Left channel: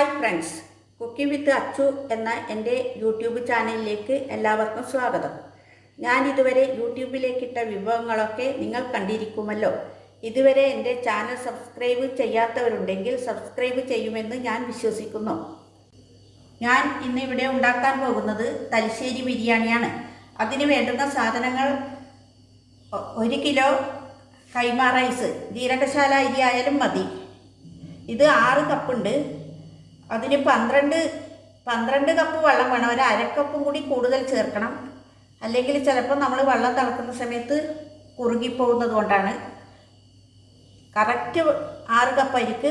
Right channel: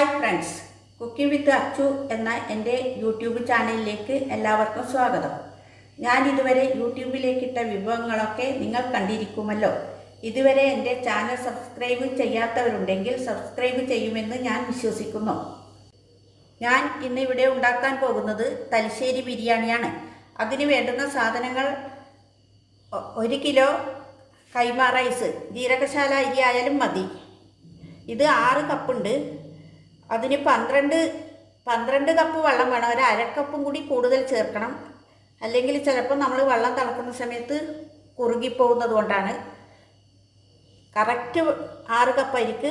Hi friends, cooking വിത്ത് അച്ചു എന്ന എൻ്റെ YouTube ചാനലിലേക്ക് എല്ലാവർക്കും സ്വാഗതം. ഞാൻ ഇതുവരെ യൂട്യൂബിലേക്കിട്ട വിഭവങ്ങളൊക്കെ നിങ്ങൾ കണ്ടിരിക്കുമല്ലോ. ഇതുവരെ എൻ്റെ ചാനൽ സബ്സ്ക്രൈബ് ചെയ്യാത്തവരുണ്ടെങ്കിൽ സബ്സ്ക്രൈബ് ചെയ്യുമെന്ന് ഞാൻ വിശ്വസിക്കുന്നു. ഞാൻ ഇന്നിവിടെ ഉണ്ടാക്കാൻ പോകുന്നത് തലശ്ശേരി ബിരിയാണിയാണ്. അതിന് വേണ്ടുന്ന സാധനങ്ങൾ 1 കിലോ കൈമ റൈസ്, ജീരകശാല അരി ആയാലും മതി. ഇത് 6 കപ്പുണ്ട്. അതിന് 12 കപ്പ് വെള്ളം വേണം. ഒരു അരക്കപ്പും കൂടി കൂടുതൽ ചേർക്കണം, അല്ലെങ്കിൽ ചിലപ്പോൾ നമ്മൾ വെള്ളം തിളക്കുന്ന സമയത്ത് കുറുകിപ്പോകുന്നത് കൊണ്ടാണ്. കറക്റ്റ് 6 കപ്പ് അരിക്ക്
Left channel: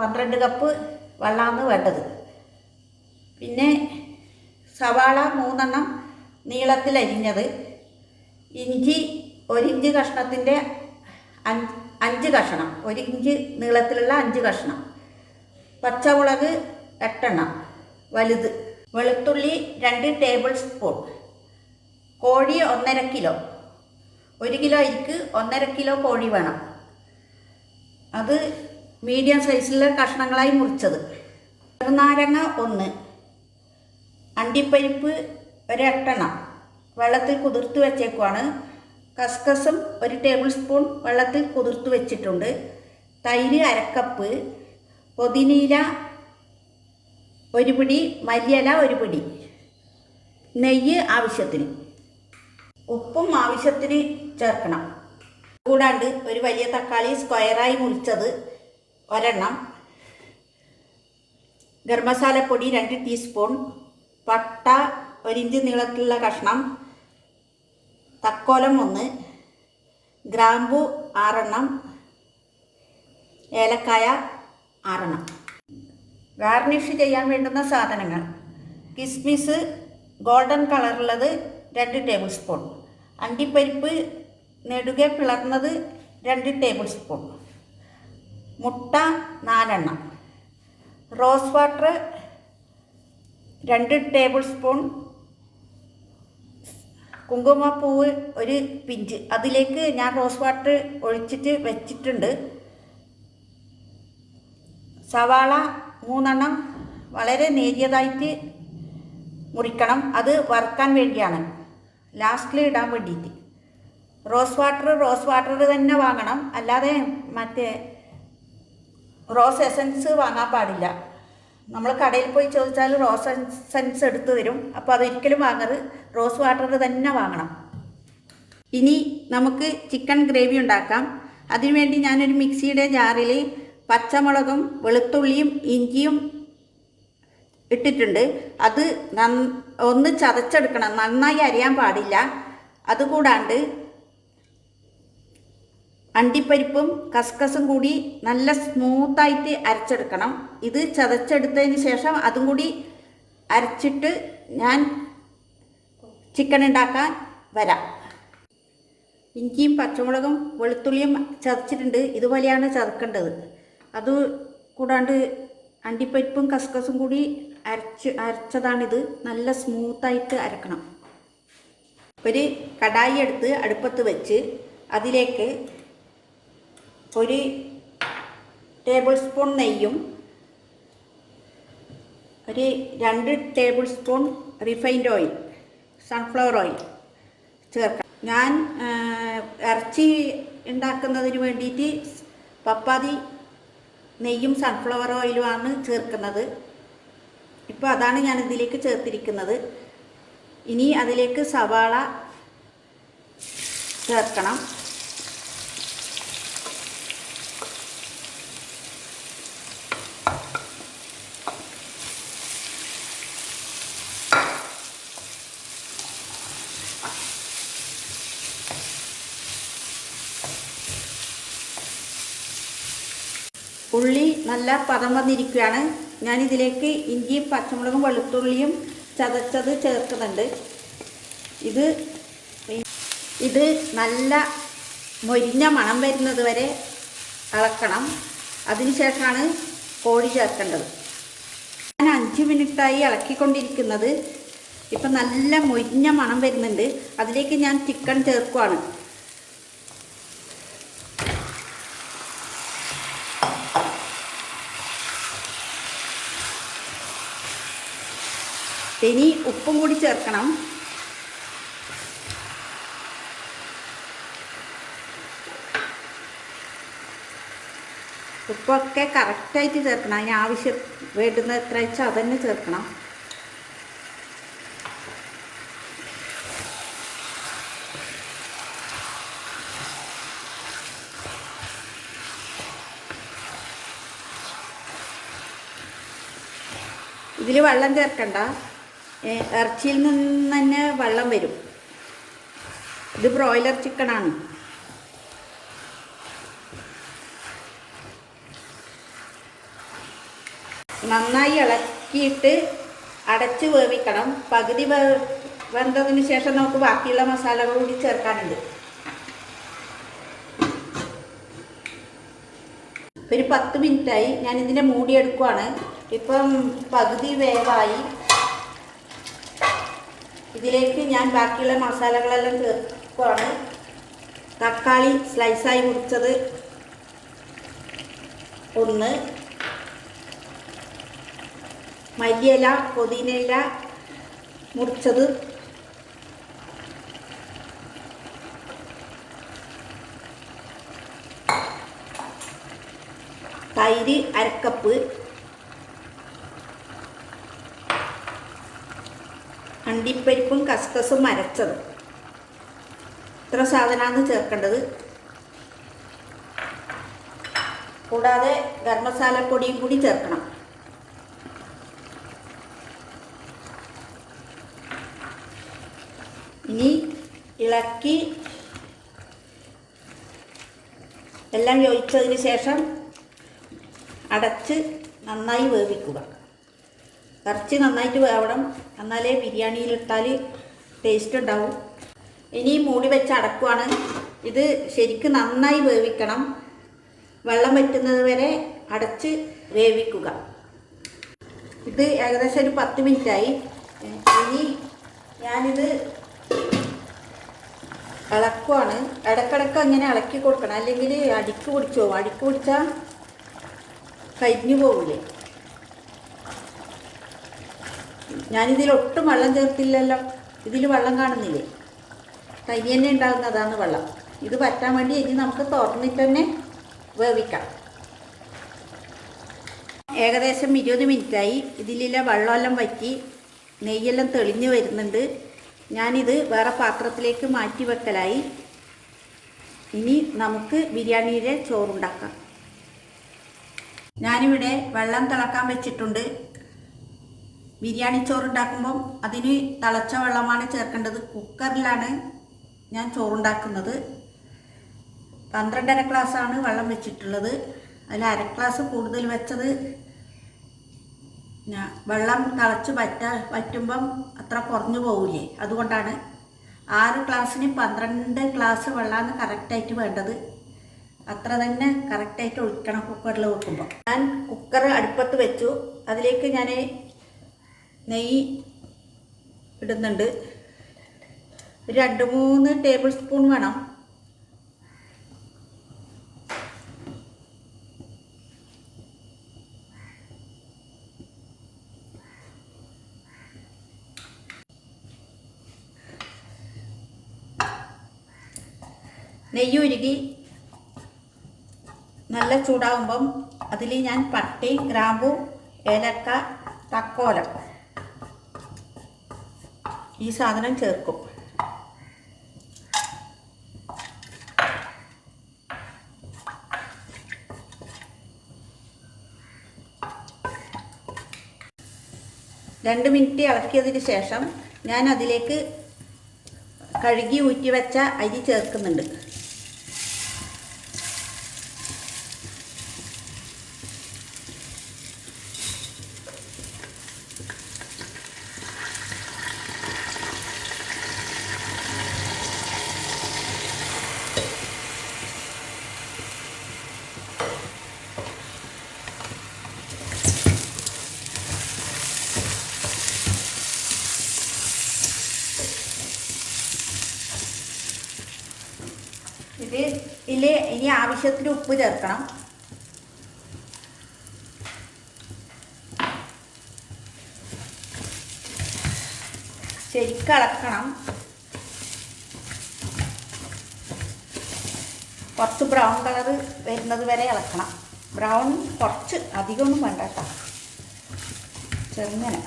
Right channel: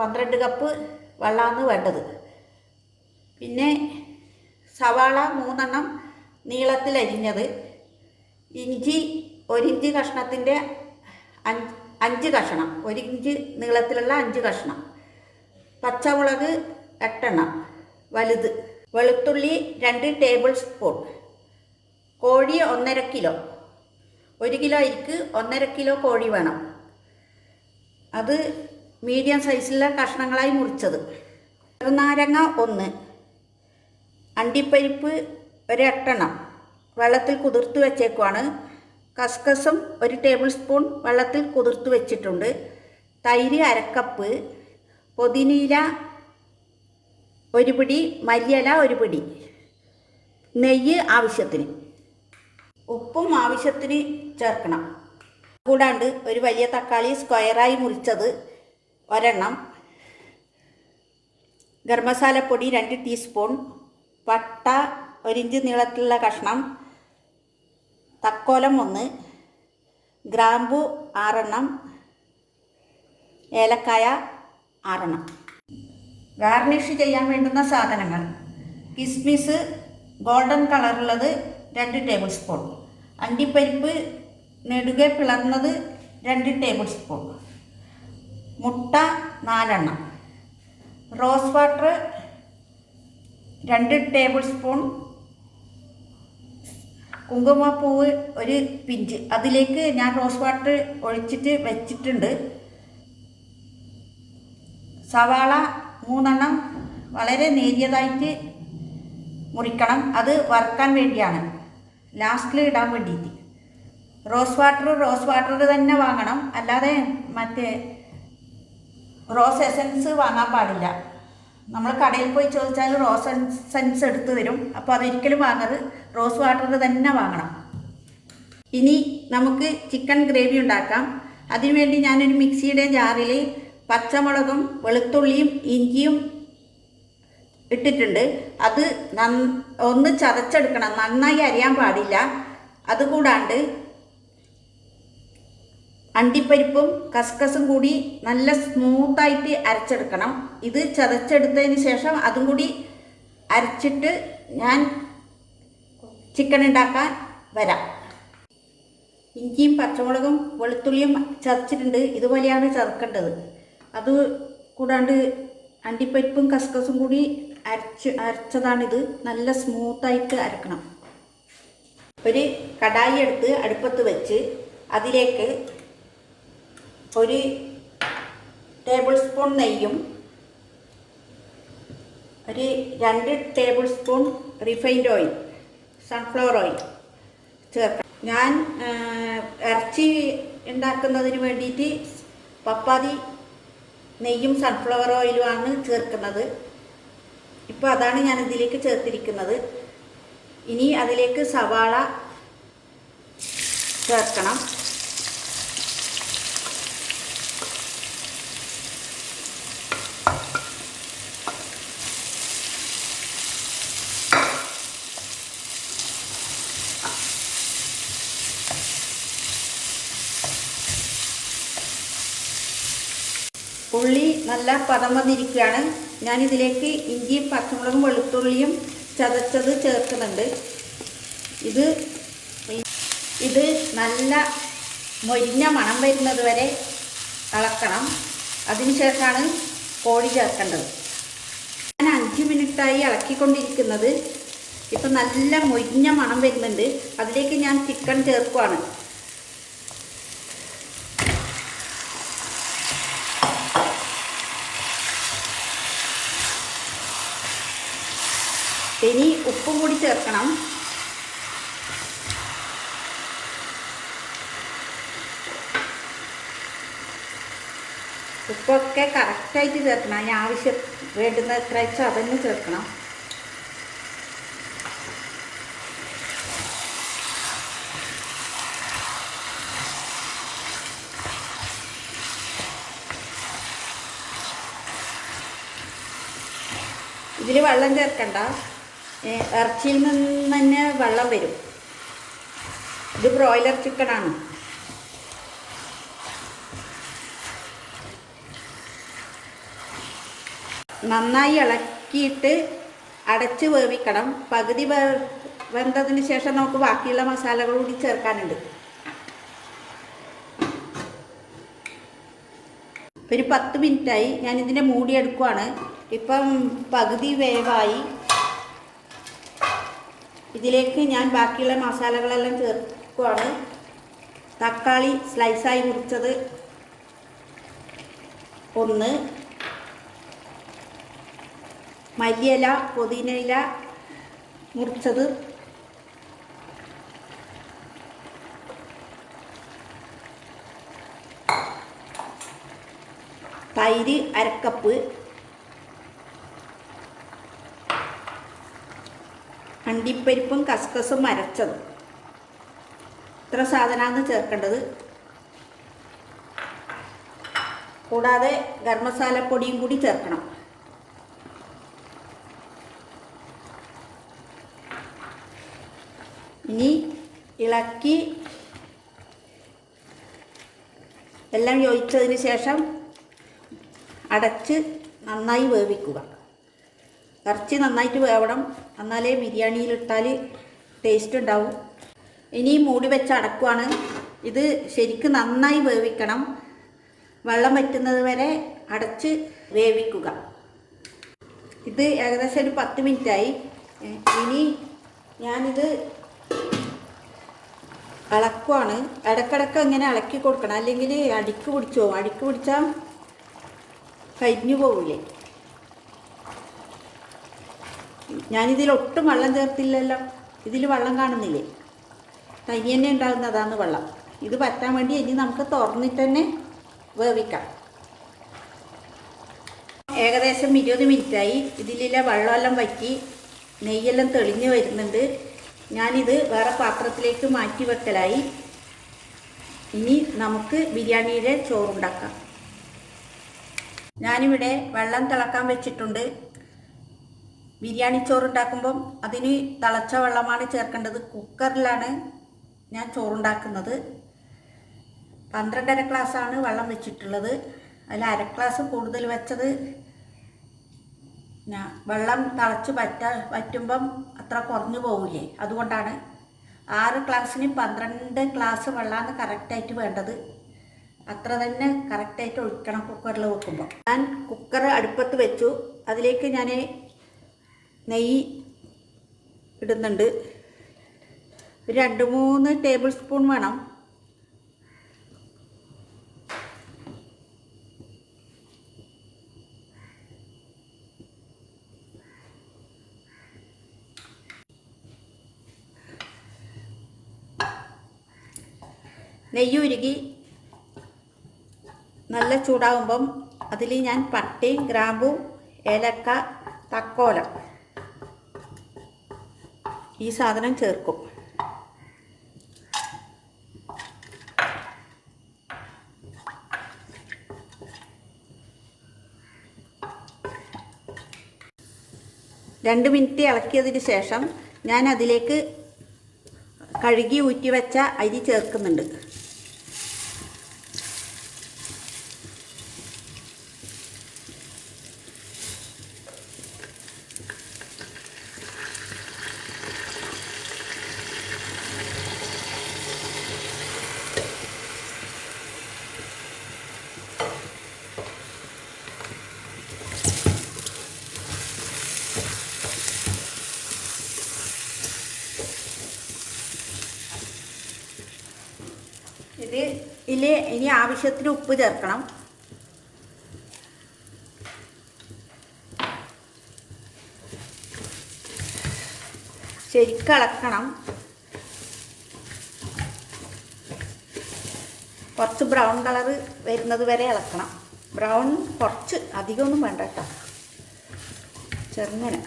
12 കപ്പ് വെള്ളമാണ് വേണ്ടത്. പിന്നെ സവാള 3 എണ്ണം നീളത്തിൽ അരിഞ്ഞത്, ഇഞ്ചി 1 ഇഞ്ച് കഷ്ണത്തിൻ്റെ 5 കഷ്ണം, 1 ഇഞ്ച് നീളത്തിലുള്ള 5 കഷ്ണം, പച്ചമുളക് 8 എണ്ണം വലുത്, വെളുത്തുള്ളി 2 ടേബിൾ സ്പൂൺ, കോഴി 1.5 കിലോ. 1 കിലോ അരിക്ക് 1.5 കിലോ കോഴി വേണം. അത് മീഡിയം സൈസിലുള്ള കഷ്ണങ്ങളായി മുറിച്ചത്. ചെറുനാരങ്ങ 1, അണ്ടിപ്പരിപ്പ് 8 എണ്ണം വെള്ളത്തിൽ കുതിർത്ത് വെച്ചേക്കുവാണ്. കസ്കസും 1 ടേബിൾ സ്പൂൺ വെള്ളത്തിൽ കുതിർത്ത് വെച്ചിട്ടുണ്ട്. തൈര് 1/2 കപ്പ്, പുതിനീല 1 പിടി, മല്ലിയില 1 പിടി, നെയ്യ് ആവശ്യത്തിന്, ഉപ്പും ആവശ്യത്തിന് ചേർക്കണം. കൂടാണ്ട് ഒരു വലിയ തക്കാളി സ്ക്വയറായി മുറിച്ചത് 1 എണ്ണം, ഗരം മസാലപ്പൊടി 2 ടീസ്പൂൺ, പട്ട 1 ഇഞ്ച് നീളത്തിലുള്ള കഷ്ണം, തക്കോലം 1, ഗ്രാമ്പു 6 എണ്ണം, ഏലക്കായ 6 എണ്ണം. ഗാർണിഷ് ചെയ്യാൻ വേണ്ടുന്ന സാധനങ്ങൾ: കിസ്മിസ് ഗോൾഡൻ കളറുള്ളത് 2 ടേബിൾ സ്പൂൺ, അണ്ടിപ്പരിപ്പ് നെടുകെ പിളർന്നത് 2 ടേബിൾ സ്പൂൺ, മുട്ട 4 എണ്ണം, റോസ് വാട്ടർ 2 ടേബിൾ സ്പൂൺ, കുങ്കുമപ്പൂവ് 1 പിഞ്ച്. അതിലേക്ക് ഞാൻ റോസ് വാട്ടർ ഒഴിച്ചിട്ട് വെച്ചിട്ടുണ്ട്. സവാള 3 എണ്ണം വളരെ നേരിയതായിട്ട് മുറിക്കണം. അത് വറുക്കാൻ വേണ്ടിയാണ്, ലാസ്റ്റിൽ ഇടാൻ വേണ്ടിയിട്ട്. റോസ് വാട്ടർ തന്നെ വാങ്ങണം, അല്ലാതെ മറ്റേ റോസ് എസൻസ് വാങ്ങാൻ പാടില്ല. നമ്മൾ കടയിൽ പോയി ചോദിച്ചാൽ റോസ് എസൻസ് എടുത്തു തരും. അപ്പോൾ അതൊരിക്കലും വാങ്ങരുത്, റോസ് വാട്ടർ തന്നെ വാങ്ങണം. ഇനി നമുക്ക് ചിക്കൻ ഗ്രേവി ഉണ്ടാക്കാം. അതിനുവേണ്ടി ഞാനൊരു മിക്സിയുടെ ജാറിൽ പച്ചമുളകും വെളുത്തുള്ളിയും ഇഞ്ചിയും ഇട്ടിട്ടുണ്ട്. അത് ഒന്ന് ചതച്ചെടുക്കണം, നന്നായി അരിയാൻ പാടില്ല. അതുകൂടാണ്ട് അണ്ടിപ്പരിപ്പും കസ്കസും കൂടി നല്ല സ്മൂത്തായിട്ട് അരച്ചെടുക്കണം. ഇത് ചതച്ചെടുത്തതിന് ശേഷം അതും കൂടി അരച്ചിട്ട് ഞാൻ ചിക്കൻ ഉണ്ടാക്കാൻ വരാം. ഇഞ്ചിയും പച്ചമുളകും വെളുത്തുള്ളിയും ചതച്ചിട്ടുണ്ട്. ഇതുപോലെയാണ് ചതക്കേണ്ടത്. അത് കൂടാണ്ട് അണ്ടിപ്പരിപ്പും കസ്കസും കൂടി അരച്ചതാണിത്. നല്ല സ്മൂത്തായിട്ട് അരക്കണം. ഒരു കടായി എടുത്ത് അടുപ്പത്ത് വെച്ച് അതിലേക്ക് 1 ടേബിൾ സ്പൂൺ നെയ്യും 2 table spoon refined oil, sunflower oil ചേർക്കാം. ഞാൻ ഇറച്ചി ഉണ്ടാക്കുന്നതിന് വേണ്ടിയിട്ട് പപ്പാതി നെയ്യും സൺഫ്ലവർ ഓയിലുമാണ് ചേർക്കുന്നത്. ഇപ്പോൾ അതാണ് ഞാൻ ഇതിലേക്ക് ചേർത്തിരിക്കുന്നത്. ഇനി അതിലേക്ക് സവാള ചേർക്കണം. ഉള്ളി നല്ല പദം വന്നിരിക്കുകയാണ്. ഞാനിതിലേക്ക് ഇഞ്ചിയും പച്ചമുളകും വെളുത്തുള്ളിയും ചതച്ചത് ചേർക്കുന്നുണ്ട്. ഇത് നല്ല മൊരിഞ്ഞ മണം വരുന്നത് വരെ ഇളക്കണം. അതിനുശേഷമാണ് കോഴി ചേർക്കേണ്ടത്. ഞാൻ 5 മിനിറ്റായി ഇളക്കിക്കൊണ്ടിരിക്കുന്നത്. ഇപ്പം നല്ല മൊരിഞ്ഞ മണം വരുന്നുണ്ട്. അതിലേക്ക് ഞാൻ ചിക്കൻ ചേർക്കുവാണ്. ഇനി ഉപ്പും കൂടി ചേർക്കണം. ഉപ്പൊക്കെ കറക്റ്റായിട്ട് ചേർക്കണം. അതിന് ആവശ്യം വേണ്ടുന്ന എത്ര വെച്ചാൽ അതന്നെ ചേർക്കണം. ഇതിൽ വെള്ളം ചേർക്കണ്ട, ഇറച്ചിയിൽ നിന്ന് തന്നെ വെള്ളം വരും. ഇത് ബ്രോയിലർ ചിക്കനാണ്. നന്നായി ഇളക്കിയിട്ട് അടച്ച് വേവിക്കണം. പകുതി വെന്തതിന് ശേഷം നമുക്ക് ബാക്കിയുള്ള മസാലകൾ കൂടി ചേർക്കാനുണ്ട്. ഒരു 10 മിനിറ്റായി ഞാനിതിൻ്റെ മൂടിയെടുക്കുവാണ്. ഇപ്പം പകുതി വേവായി. ഇതിലേക്ക് ഞാൻ ബാക്കിയുള്ള മസാലകളെല്ലാം ചേർക്കുവാണ്. തക്കാളി സ്ലൈസായി മുറിച്ചത് 1, മല്ലിയില പുതിനയില മുറിച്ചത്, തൈര് 1/2 കപ്പ്, അണ്ടിപ്പരിപ്പും കസ്കസും അരച്ചത്. ഇത്ര സാധനമാണ് ചേർക്കേണ്ടത്. കൂടാതെ ഗരം മസാല പൊടിയും കൂടി ചേർക്കണം. ഇനി ഇളക്കി എല്ലാം യോജിച്ചതിന് ശേഷം അടച്ച് നന്നായി വേവിക്കുക. ഇറച്ചി നന്നായിട്ട് വേവണം, എന്നാലേ ബിരിയാണിയിലിട്ടാൽ ടേസ്റ്റ് ഉണ്ടാവും. ഇനി മൂടി വെച്ച് അടക്കുവാണ്. ഇത് ശരിക്കും നന്നായി വേവിക്കണം. വെള്ളം വറ്റുന്നത് വരെ അടച്ച് വേവിക്കുക. ഇത് ഏകദേശം ഒരു 10 മിനിറ്റായി. ഇനി ഞാനിത് ഇളക്കുവാണ്. ഇടക്കിടക്ക് അങ്ങനെ ഇളക്കി കൊടുക്കണം, അല്ലെങ്കിൽ അടിക്ക് പിടിച്ചു പോകും. അടിക്ക് പിടിച്ചാൽ കരിഞ്ഞു പോകില്ലേ. ഞാനിതിൽ ഒട്ടും വെള്ളം ചേർത്തില്ലല്ലോ. ഇതിൽ വെള്ളം കാണുന്നില്ലേ? തനി തന്നെ ഉണ്ടാകുന്നതാണ് വെള്ളം. ഇത് പറ്റാൻ വേണ്ടി ഇനി നമുക്ക് തുറന്നിട്ട് തന്നെ വേവിക്കാം. ഏകദേശം 20 മിനിറ്റായി. ഇതിലെ വെള്ളമെല്ലാം വറ്റി നെയ്യെല്ലാം തെളിഞ്ഞ് വരുന്നുണ്ട്. ഞാനിത് വേറെ പാത്രത്തിലേക്ക് മാറ്റി വെക്കലായി. ഇനി നമുക്ക് ബിരിയാണിയുടെ ചോറുണ്ടാക്കാം. ഞാനിവിടെ വെള്ളം തിളക്കാൻ വെച്ചിട്ടുണ്ട്. ബിരിയാണി ചോറുണ്ടാക്കുമ്പം അതിന് തിളച്ച വെള്ളമാണ് ചേർക്കേണ്ടത്. കുക്കറിലാണ് ഞാൻ ചോറുണ്ടാക്കുന്നത്. 12.5 ഗ്ലാസ്സാണ് വെള്ളം വെച്ചിട്ടുള്ളത്. അതിൽ 1/2 ഗ്ലാസ് കൂടുതൽ വെച്ചത് വെള്ളം തിളച്ച് വറ്റുമ്പം അത്ര കുറഞ്ഞു പോവില്ലേ, അതുകൊണ്ടാണ്. 6 ഗ്ലാസ്സിന് 12 ഗ്ലാസ് വെള്ളമാണ് കറക്റ്റായിട്ട് വേണ്ടത്. അത്ര തന്നെ കറക്റ്റായിട്ട് ഒഴിക്കണം കുക്കറിൽ വെക്കുമ്പോൾ. ഞാൻ കുക്കർ അടുപ്പത്ത് വെച്ചു. അതിലേക്ക് ഞാൻ നെയ്യ് ഇടുന്നുണ്ട്. ഒരു 2-3 ടേബിൾ സ്പൂൺ വേണം. നെയ്യ് ഉരുകി നല്ല ചൂടാവുമ്പം അതിൽ ഞാൻ പട്ടയും ഗ്രാമ്പും ഏലക്ക തക്കോലം ഈ സാധനം ചേർക്കും. രണ്ട് മിനിറ്റ് ഇളക്കിയതിന് ശേഷം ഞാൻ അതിലേക്ക് കഴുകി ഊറ്റി വെച്ച അരി ചേർക്കുന്നുണ്ട്. ഇനി ആവശ്യത്തിന് ഉപ്പ് ചേർക്കണം. ശരിക്കും ഇളക്കണം. കുറച്ച് ബ്രൗൺ കളർ വരുന്നത് വരെ ഇളക്കണം. ബ്രൗൺ കുറച്ച്, അധികമൊന്നും വേണ്ട കേട്ടോ, ചെറുങ്ങനെ.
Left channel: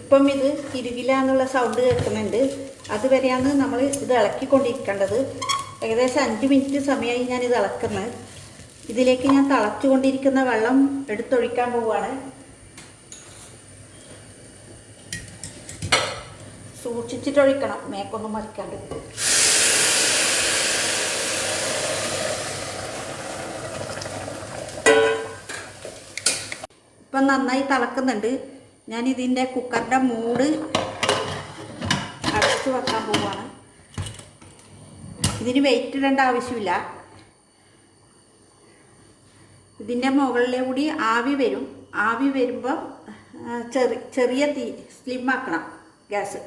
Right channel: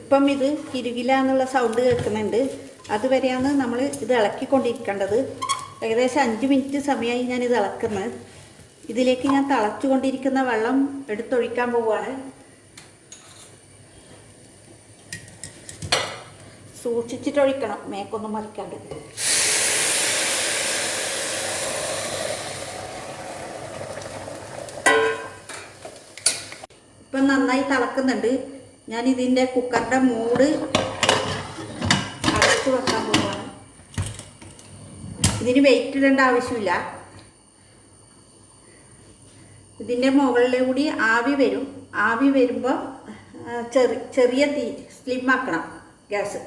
ഇപ്പം ഇത് തിരുകില്ല എന്നുള്ള സൗണ്ട് കേൾക്കുന്നുണ്ട്. അതുവരെയാണ് നമ്മൾ ഇത് ഇളക്കിക്കൊണ്ടിരിക്കേണ്ടത്. ഏകദേശം 5 മിനിറ്റ് സമയമായി ഞാനിത് ഇളക്കുന്നത്. ഇതിലേക്ക് ഞാൻ തിളച്ചുകൊണ്ടിരിക്കുന്ന വെള്ളം എടുത്തൊഴിക്കാൻ പോവുകയാണ്. സൂക്ഷിച്ചിട്ടൊഴിക്കണം, മേക്കൊന്നും മറിക്കാണ്ട്. ഇപ്പം നന്നായി തിളക്കുന്നുണ്ട്. ഞാനിതിൻ്റെ കുക്കറിൻ്റെ മൂട് അടച്ചു വെക്കാൻ പോവുകയാണ്. ഇതിന് വെയിറ്റ് ഇടേണ്ട ആവശ്യമില്ല. ഇതിൻ്റെ മുകളിലെ കൂടി ആവി വരും. ആവി വരുമ്പോൾ ചെറിയ തീ, സ്ലിമ്മാക്കണം ഗ്യാസ്.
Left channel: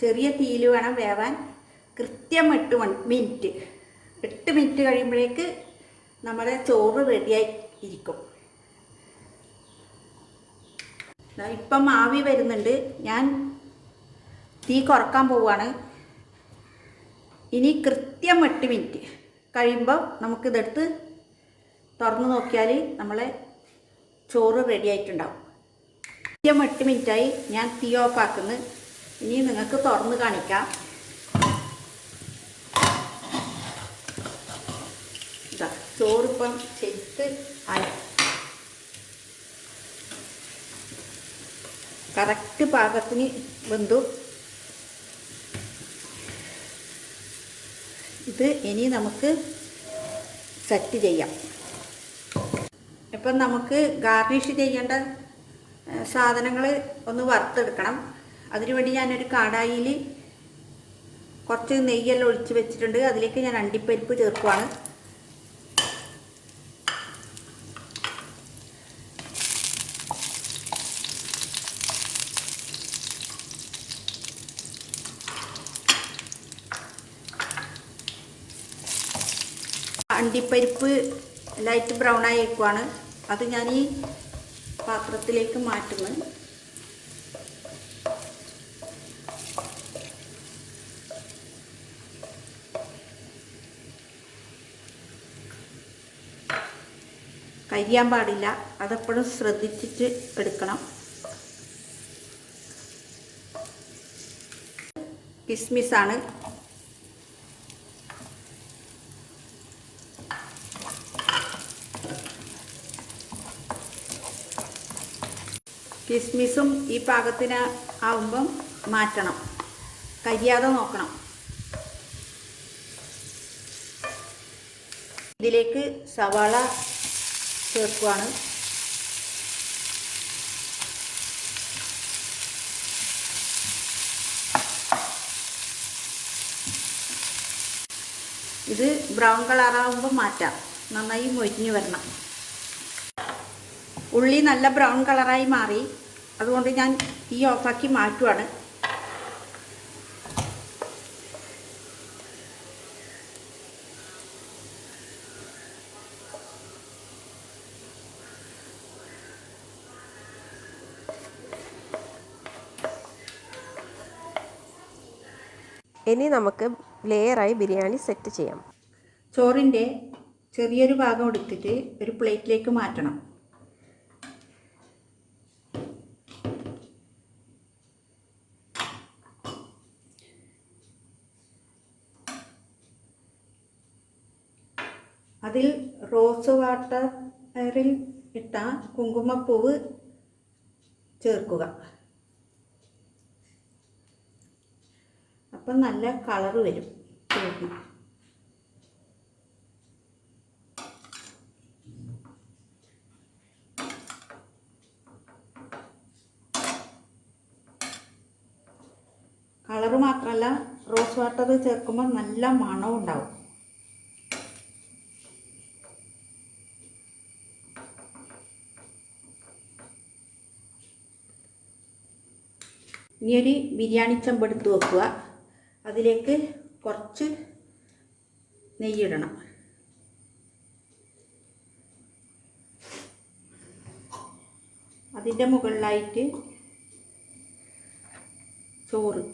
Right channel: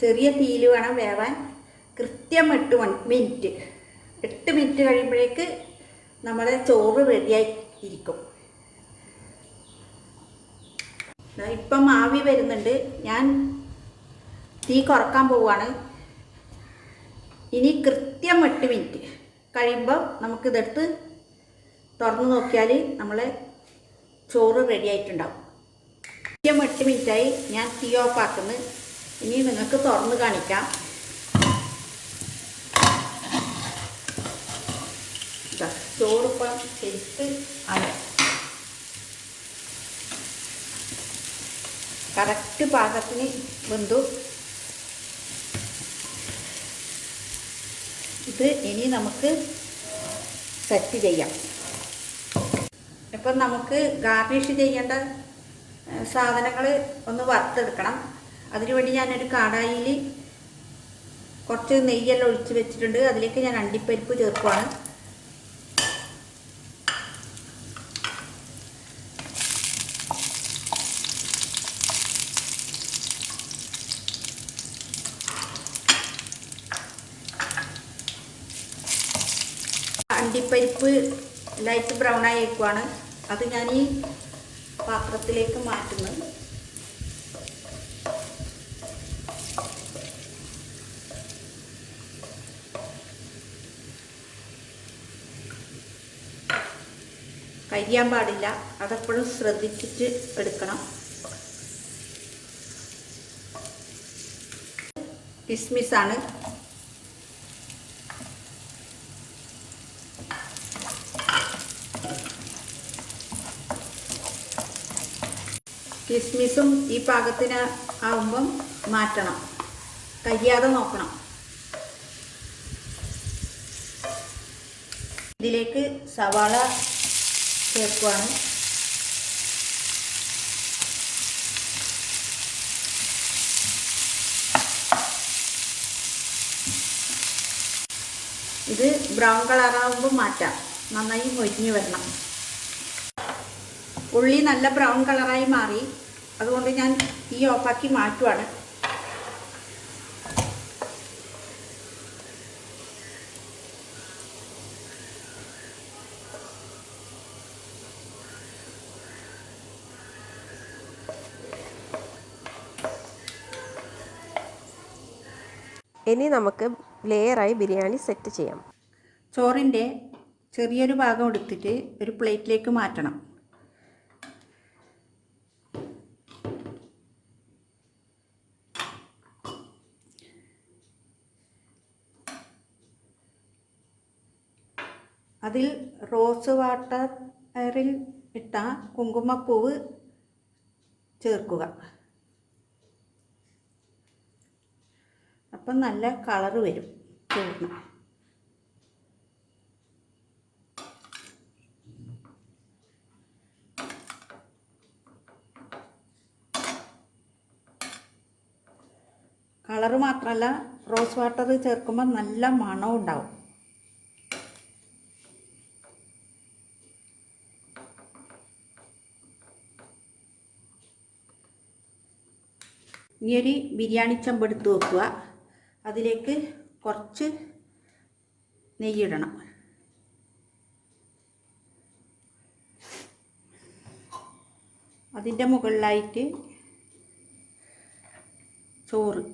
ചെറിയ തീയിൽ വേണം വേവാൻ. കൃത്യം 8 മിനിറ്റ്. 8 മിനിറ്റ് കഴിയുമ്പോഴേക്ക് നമ്മുടെ ചോറ് റെഡിയായി ഇരിക്കും. ഇപ്പം ആവി വരുന്നുണ്ട്. ഞാൻ തീ കുറക്കാൻ പോവുകയാണ്. ഇനി കൃത്യം 8 മിനിറ്റ് കഴിയുമ്പോൾ നമുക്കിതെടുത്ത് തുറന്ന് നോക്കിയാൽ നമ്മളെ ചോറ് റെഡി ആയിട്ടുണ്ടാവും. കൃത്യം 8 മിനിറ്റായി. ഞാൻ തീ ഓഫ് ആക്കുന്നു. ഇനി നിങ്ങൾക്ക് തുറന്ന് കാണിക്കാം. ചോറിപ്പം ശരിക്ക് ആയി, കറക്റ്റ് പാകത്തിന് വെന്തു. ഇത് ഇനി നമുക്ക് സെറ്റ് ചെയ്യാം. ഇപ്പം നമുക്ക് ഗാർണിഷ് ചെയ്യേണ്ട സാധനങ്ങൾ ഒന്ന് വറുത്തെടുക്കണം. അതിനുവേണ്ടി ഞാനൊരു കടായിൽ കുറച്ച് നെയ്യെല്ലാം ഒഴിച്ച് വെച്ചിട്ടുണ്ട്. അതിലേക്ക് ഞാൻ അണ്ടിപ്പരിപ്പ് ചേർക്കുവാണ്. അണ്ടിപ്പരിപ്പ് ലൈറ്റ് ബ്രൗൺ ആയി വയ്ക്കുവാണ്. അത് ഞാൻ ഈ പാത്രത്തിലേക്ക് മാറ്റുന്നു. കരിയാൻ പാടില്ല, അതെപ്പോഴും ശ്രദ്ധിച്ചിട്ട് എടുക്കണം. കിസ്മിസാണ്. കിസ്മിസും ഈ പാകത്തിന് ആവുമ്പം മാറ്റണം, കരിയാതെ നോക്കണം. ഇതിലേക്ക് സവാള ചേർക്കുവാണ്. ഇത് ബ്രൗൺ കളറാകുമ്പോൾ മാറ്റാം, നന്നായി മൊരിഞ്ഞ് വരണം. ഉള്ളി നല്ല ബ്രൗൺ കളറായി മാറി. അതുകൊണ്ട് ഞാൻ തീ ഓഫാക്കി മാറ്റുവാണ്. ഇനി നമുക്ക് ലെയറായി ബിരിയാണി സെറ്റ് ചെയ്യാം. ചോറിൻ്റെ ചെറിയൊരു ഭാഗം എടുത്തിട്ട് ഒരു പ്ലേറ്റിലേക്ക് മാറ്റണം. അതിൽ റോസ് വാട്ടറിൽ ഇട്ട കുങ്കുമപ്പൂവ് ചേർക്കുക. അപ്പം നല്ല കളറ് വരും ചോറിന്. കളറ് മാത്രമല്ല, റോസ് വാട്ടർ ചേർക്കുമ്പോൾ നല്ല മണവും ഉണ്ടാവും. ഇനിയൊരു ബിരിയാണി ചെമ്പെടുത്ത് വെക്കുക. അതിലേക്ക് കുറച്ച് നെയ്യിടണം. അതിൻ്റെ മുകളിലായിട്ട് ചോറ്.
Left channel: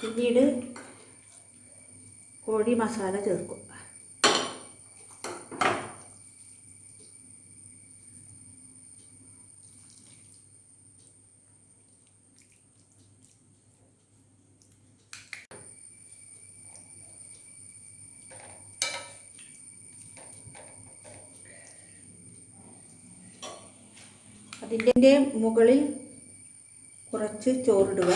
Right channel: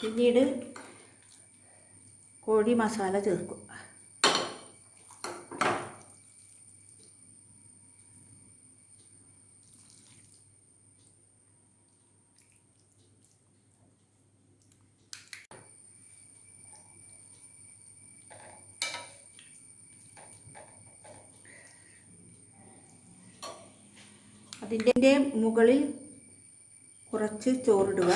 പിന്നീട് കോഴി മസാല ചേർക്കും. അതിൻ്റെ മുകളിൽ കുറച്ച് ചോറിടുക.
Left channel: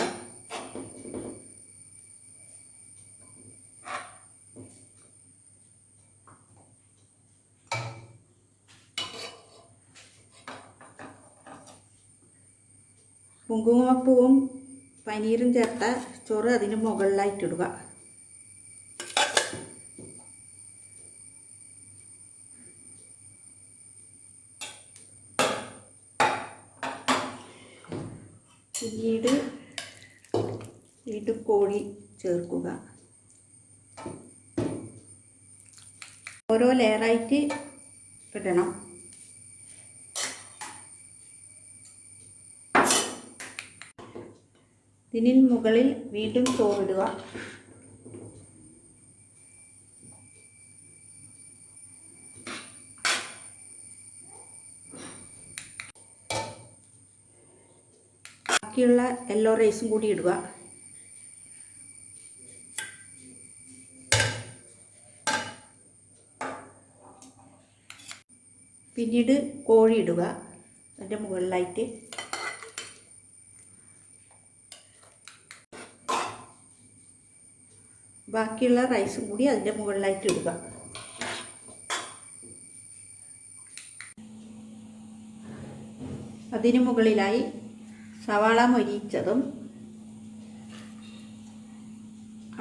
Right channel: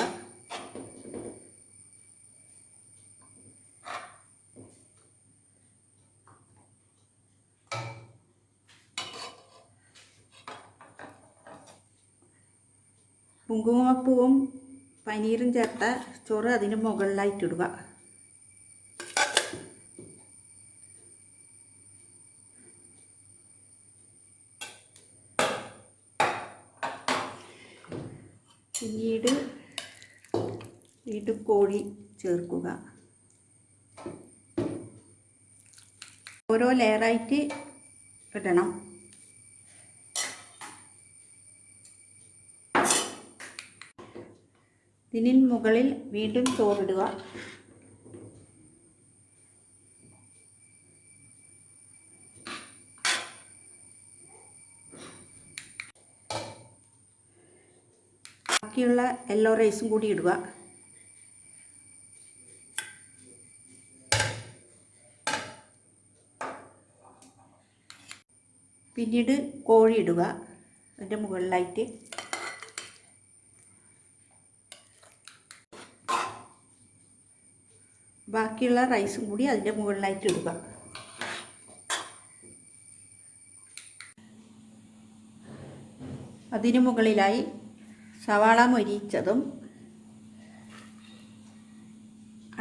കുങ്കുമപ്പൂവും പനീരും ചേർത്ത ചോറ് അതിന് മുകളിലായിട്ടിടുക. പിന്നീട് വീണ്ടും കോഴി ചേർക്കുക. ഓരോ ലെയറായിട്ട് ഇടണം. ഇതിന് മുകളിൽ വീണ്ടും ചോറിടുക. ബാക്കിയുള്ള യെല്ലോ റൈസും കൂടി ഇടുക. പിന്നീട് കോഴി ഇടുക അതിൻ്റെ മുകളിലായിട്ട്. ബാക്കിയുള്ള റൈസും കൂടി അതിൻ്റെ മുകളിലായിട്ട് ഇടുക. അതിന് മുകളിലായി സവാള മൊരിയിച്ചതും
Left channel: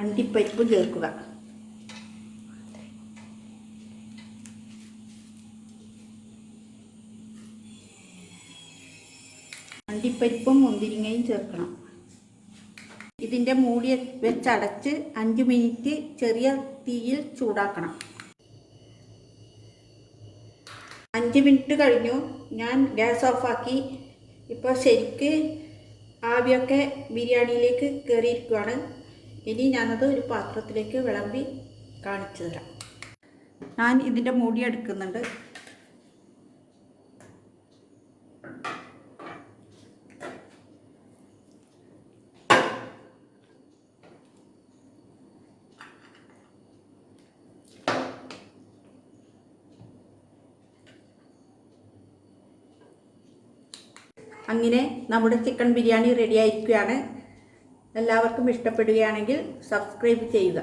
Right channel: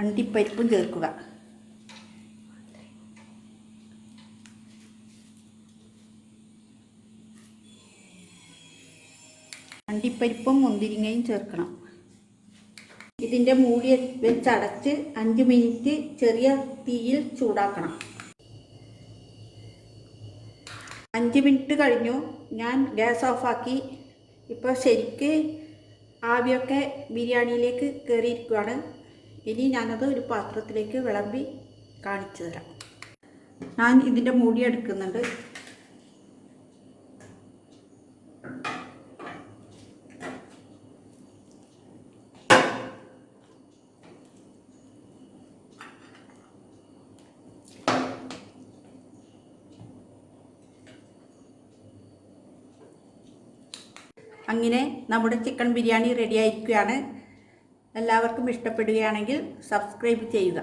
അണ്ടിപ്പരിപ്പും ചേർക്കുക. അണ്ടിപ്പരിപ്പും മുന്തിരിങ്ങയും ചേർക്കണം. ഇതിൻ്റെ മൂടി വെച്ചടച്ച് 5 മിനിറ്റ് ചെറിയ തീയിൽ ചൂടാക്കണം. 5 മിനിറ്റ് കഴിഞ്ഞു. ഞാൻ ഗ്യാസ് ഓഫാക്കി. ഇപ്പോൾ ശരിക്ക് ആവിയൊക്കെ ബിരിയാണിയിലേക്ക് കയറിയിരിക്കുകയാണ്. ഇനി ഞാനത് ഒരു പാത്രത്തിലേക്ക് വിളമ്പി കാണിച്ചു തരാം. ഞാൻ ഇതിൻ്റെ മൂടി എടുക്കുന്നുണ്ട്. അങ്ങനെ നമ്മുടെ ചിക്കൻ ബിരിയാണി റെഡി ആയിരിക്കുകയാണ്. എല്ലാവർക്കും ഇഷ്ടപ്പെടുകയാണെങ്കിൽ സബ്സ്ക്രൈബ് ചെയ്യുക.